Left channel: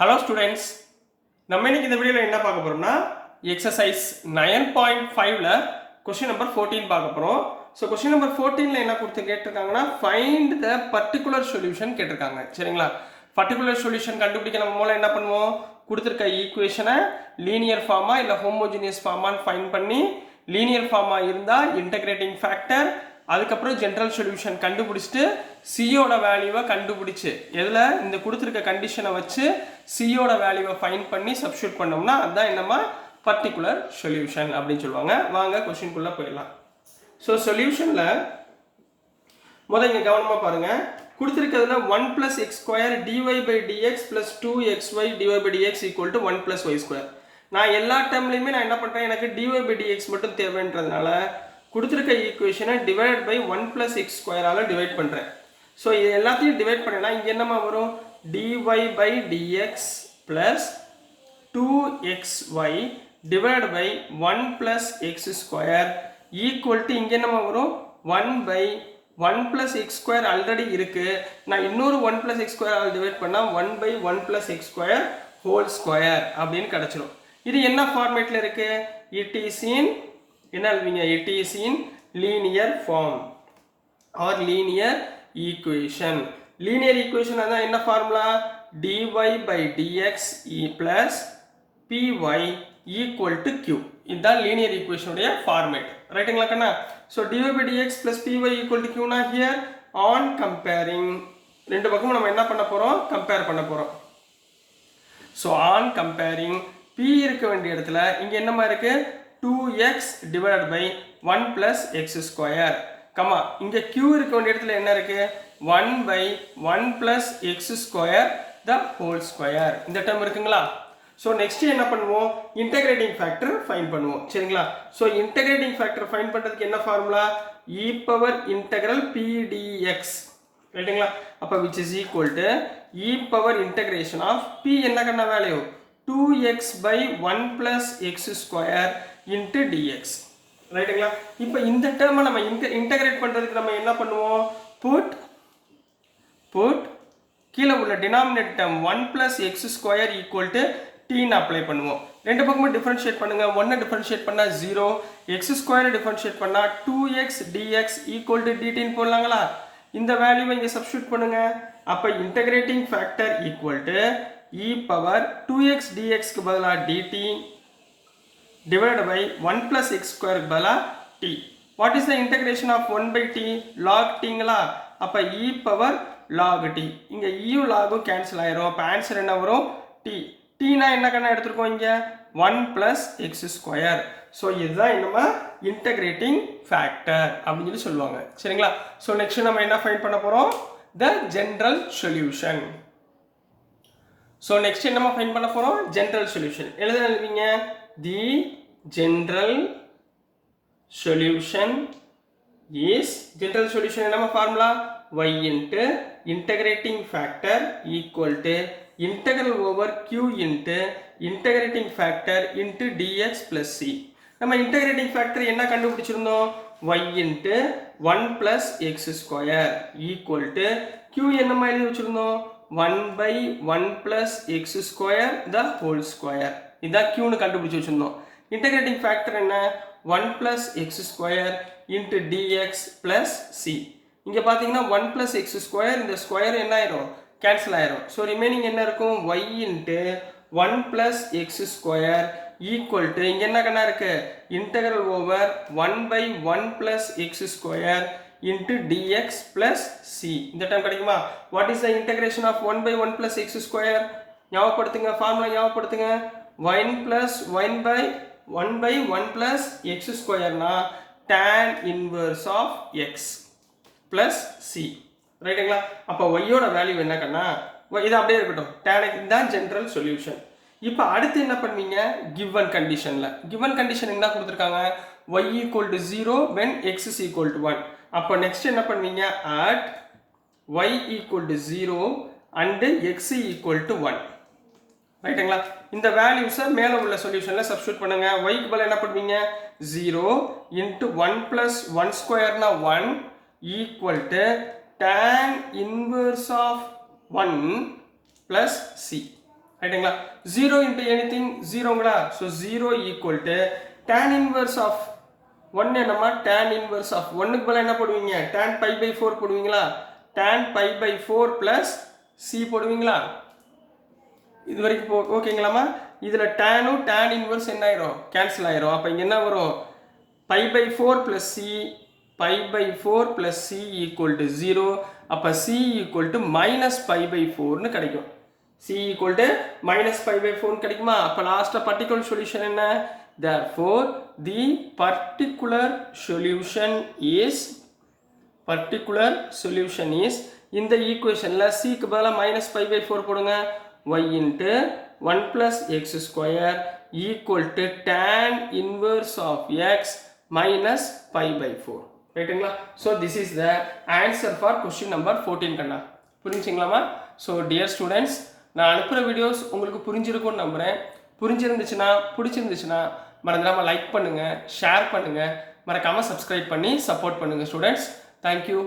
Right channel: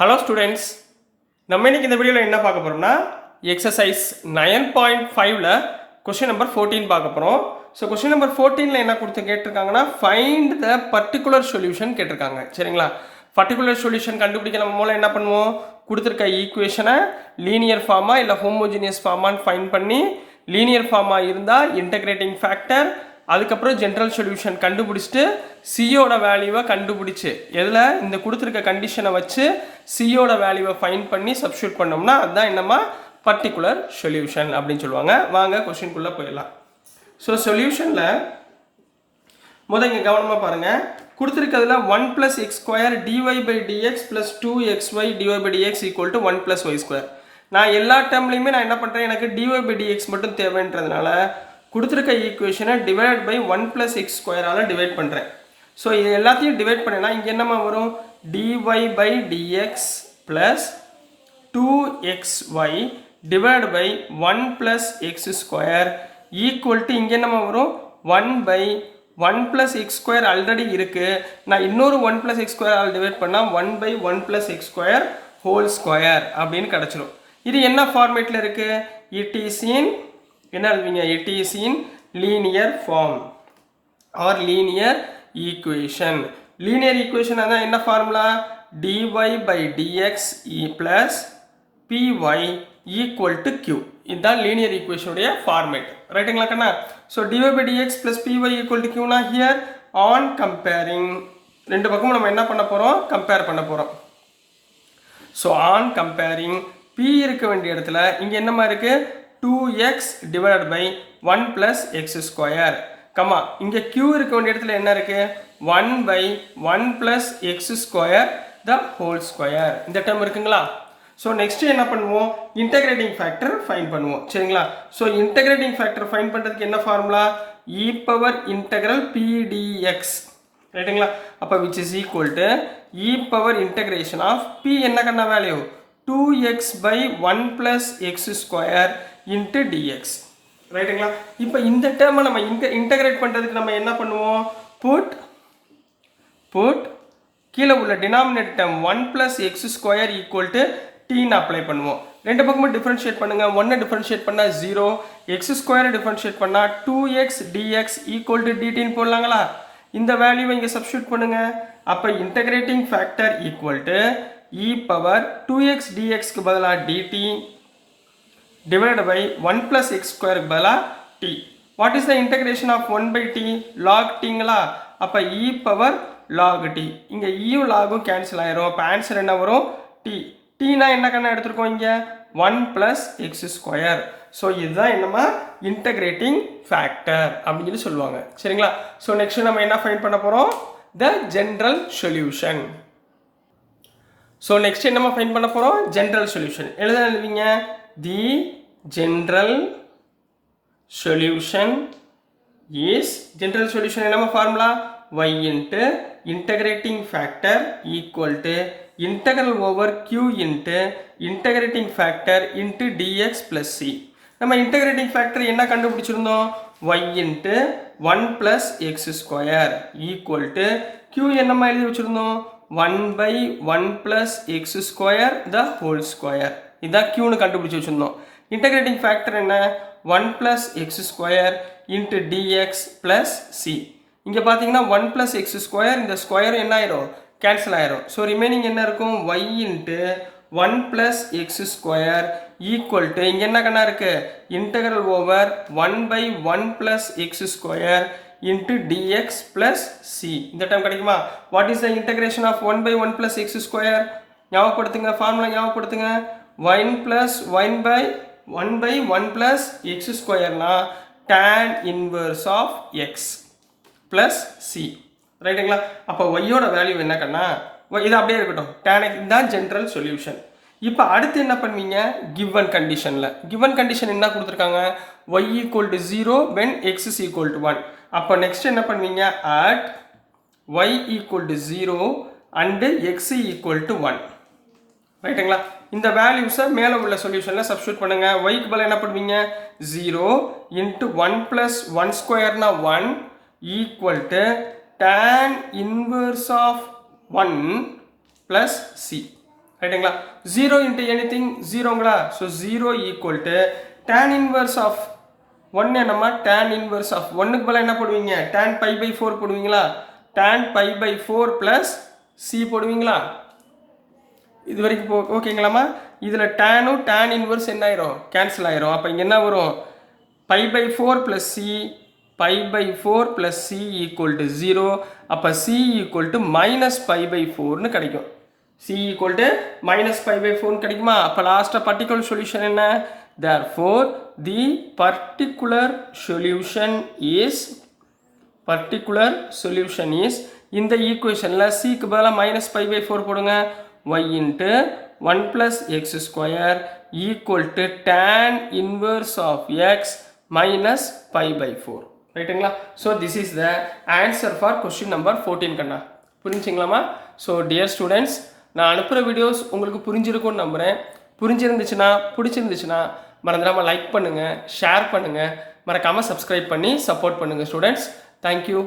Hello students, நம்ம இன்னைக்கு இந்த வீடியோவில் என்ன பார்க்க போகிறோம்னா எக்ஸசைஸ் 9.5ல் கொஸ்டின் நம்பர் 14 பார்க்க போகிறோம். ஸோ கொஸ்டின் நம்பர் 14ல் என்ன கேட்டிருக்காங்கன்னா ஃபைண்ட் த பர்டிகுலர் சொல்யூஷன் கேட்டிருக்காங்க. சரிங்களா? பர்டிகுலர் சொல்யூஷன் கண்டுபிடிக்க நம்ம மூலம் என்ன பண்ணுவோம், கொடுத்துருக்க ஈக்குவேஷனை லீனியர் ஃபார்மா இல்லை ஹோமோஜினியஸ் ஃபார்மான்னு ஃபைண்ட் பண்ணி, லீனியர் ஃபார்மா இருந்தால் இன்டகிரேட்டிங் ஃபேக்டர், அதுக்கப்புறம் ஜென்ரல் சொல்யூஷன் கண்டுபிடிச்சிட்டு சியோட வேல்யூவை கண்டுபிடிச்சு எதில் இந்த கொடுத்துருக்க கண்டிஷனை வச்சு சியோட வேல்யூவை ஃபைண்ட் பண்ணி சப்ஸ்டியூட் பண்ணோம்னா அதுதான் என்னமா பர்டிகுலர் சொல்யூஷன் அப்படின்னு சொல்லுவாங்க. வாங்க கொஸ்டின்குள்ளே போயிடலாம். ஸோ சொல்யூஷனில் முதல் இங்கே கவனமாக பாருங்கள். கொடுத்துருக்கிறதுல 1 + x² dy/dx + 2xy dy/dx = 1 + y². நான் எல்லா டேர்ம்லையுமே நான் என்ன பண்ணுறேன், எனக்கு dy/dx மட்டும் தேவைன்றதுனால கொடுத்துருக்க ஈக்குவேஷனை டிவைட் பை 1 + x² டிவைட் பண்ணுறேன். ஸோ இது எல்லாத்தையும் டிவைட் பண்ணேன்னா இங்கே என்னமா வரும், dy/dx + 2xy divide by 1 + x² equal to இங்கே என்னமா வரும், 1 + x² ஆல்ரெடி இருக்குது. நான் இன்னொரு 1 + x² டிவைட் பண்ணால் 1/1 + x² ஹோல் ஸ்கொயர் அப்படின்னு கிடச்சிடும். இது என்ன ஃபார்மேட்டில் இருக்குது, இட் இஸ் இன் என்ன எழுதுவீங்க, it is in linear form or linear equation. Linear equation அதான் என்ன ஃபார்முலா, dy/dx + py = q. இதுதான் லீனியர் ஈக்குவேஷனுடைய ஃபார்மேட். ரைட்டுங்களா கண்ணா? ஸோ dy/dx + py = q னா ஹியர் ஆன் கம்பேரிங் ரெண்டு பக்கமும் நம்ம என்ன பண்ண போகிறோம், கம்பேர் பண்ண போகிறோம். ஸோ ஆன் கம்பேரிங் p இருக்க வேண்டிய இடத்துல இங்கே என்னமா இருக்குது, 2x divided by 1 + x². Comma இங்கே q இருக்க வேண்டிய இடத்துல என்ன இருக்கு, 1/1 + x² the whole square. இந்த டேர்ம் இருக்குங்களா? ஸோ நெக்ஸ்ட் என்ன பண்ணுவோம், இன்டகிரேட்டிங் ஃபேக்டர் ஃபைண்ட் பண்ணுவோம். சரிங்களா? ஸோ இன்டகிரேட்டிங் ஃபேக்டர் ஃபைண்ட் பண்ணுறதுக்கு என்ன ஃபார்முலா, e∫pdx. ரைட்டுங்களா? அப்போ which is equal to e∫integration of p என்ன கண்ணா value, 2x/1 + x² into dx. ரைட்டுங்களா? இப்போ இந்த டேர்மை நம்ம இன்டகிரேட் பண்ணுறதுக்கு நம்ம என்ன பண்ணுவோம், புட் கீழே உள்ள டினாமினேட் டேர்ம் 1 + x² = tன்னு அப்ளை பண்ணுவோம். ரெண்டு பக்கமும் டிஃபரன்ஷியேட் பண்ணுங்க. 1 டிஃபரன்ஷியேட் பண்ணால் 0, x² டிஃபரன்ஷியேட் பண்ணால் 2x dx = dtன்னு போடலாங்களா? இந்த வேல்யூவை இங்கே சப்ஸ்டியூட் பண்ணுங்க. அப்போ இன்டகிரேட்டிங் ஃபேக்டர் = e∫2x dxக்கு பதிலாக dt divided by 1 + x² பதிலாக t. What is the integration of 1/t? log tங்களா? அப்போ e∫log t. இங்கே e logம் கேன்சல் ஆயிரும். அப்போ ஆன்சர் என்ன வரும், t. tனா என்ன கண்ணா எடுத்துருக்கோம், இங்கே 1 + x². ஸோ இதுதான் என்னமா இன்டகிரேட்டிங் ஃபேக்டர் அப்படின்னு சொல்லுவாங்க. சரிங்களா? ஸோ நெக்ஸ்ட் நம்ம என்ன ஃபைண்ட் பண்ண போகிறோம், the general solution. So next என்னமா ஃபைண்ட் பண்ண போகிறோம், ஜென்ரல் சொல்யூஷன். எழுதுவீங்க, the general solution is, general solution என்னமா formula, y into integrating factor equal to integral over q into integrating factor into dx plus c. நம்ம integrating factor என்ன கண்டுபிடிச்சிருந்தோம், y into 1 + x² equal to q என்னமா எழுதி வச்சிருந்தோம், 1/1 + x² the whole square. இதான் q னு கண்டுபிடிச்சு வச்சிருந்தோம். இன்டகிரேட்டிங் ஃபேக்டர் என்ன, 1 + x² into dx plus c. இங்கே பார்த்தீங்கன்னா 1 + x², இந்த ஸ்கொயர் என்ன ஆயிரும், கேன்சல் ஆயிரும். ஸோ ரிமைனிங் என்ன இருக்கும், y into 1 + x² equal to இங்கே என்ன கண்ணா இருக்கு, integral over 1/1 + x² into dx plus c. இந்த டைம் கிடைக்குமா? What is the integration of 1/1 + x²? ஞாபகப்படுத்துங்க, ஃபார்முலா ஞாபகப்படுத்துங்க. 1/1 + x² னா tan inverse of x plus c. ரைட்டுங்களா? அப்போ y-யோட வேல்யூ என்ன கண்ணா, இது அப்படியே இருக்கட்டும், tan x தான் ஜென்ரல் சொல்யூஷன். இப்போ அடுத்து என்ன பண்ணுவீங்க, கிவன் கண்டிஷனில், கிவன் கண்டிஷன் என்ன கொடுத்துருக்காங்க, y = 0 when x = 1. அப்போ நெக்ஸ்ட் என்ன பண்ணுவீங்க, at y = 0 and x = 1. ரைட்டுங்களா? இந்த வேல்யூஸை மேலே உள்ள சொல்யூஷனில் சப்ஸ்டியூட் பண்ணுங்க. yக்கு பதில் என்ன பண்ணுவீங்க, 0 into 1 + 1² னா 1 equal to tan inverse of 1 plus c. ரைட்டுங்களா 0 இன்ட்டு எனிதிங் ஜீரோங்களா so 0 equal to tan inverse of 1 என்னம்மா tan இன்வர்ஸ் ஆஃப் 1க்கு பதிலாக என்ன போடுவீங்க tan பை பை 4 போடுவீங்களா tan pi by 4 plus C போடுவீங்களா இது வரைக்கும் ஓகேங்களாம்மா இதில் டேனும் tan இன்வர்ஸ் என்ன ஆயிரும் கேன்சல் ஆயிரும் அப்போ இங்கே என்ன வரும் pi by 4 plus c pi by 4 plus c equal to 0 அப்போ c equal to minus pi by 4னு கிடைக்கும் c equal to minus pi by 4 கிடைக்குமா அப்போ லாஸ்ட்டாக பர்டிகுலர் சொல்யூஷன் என்ன therefore the particular solution is இந்த ஈக்குவேஷனில் சிக்கு பதிலாக மைனஸ் பை பை 4 போடுங்க y into 1 plus x square equal to tan inverse of x minus pi by 4 ரைட்டுங்களா so this is the answer for question number 14 கண்ணா புரிஞ்சுங்களாமா so dear students நான் அனுப்புகிற வீடியோஸ் உங்களுக்கு புரிஞ்சிருக்கும்னு நம்புகிறேன் புரிஞ்சிருந்துச்சுன்னா பிடிச்சிருந்துச்சுன்னா மறந்துடாமல் லைக் பண்ணுங்கள் ஷேர் பண்ணுங்கள் மறக்காமல் சப்ஸ்கிரைப் பண்ணி சப்போர்ட் பண்ணுங்கள் ஸ்டூடெண்ட்ஸ் தேங்க்யூ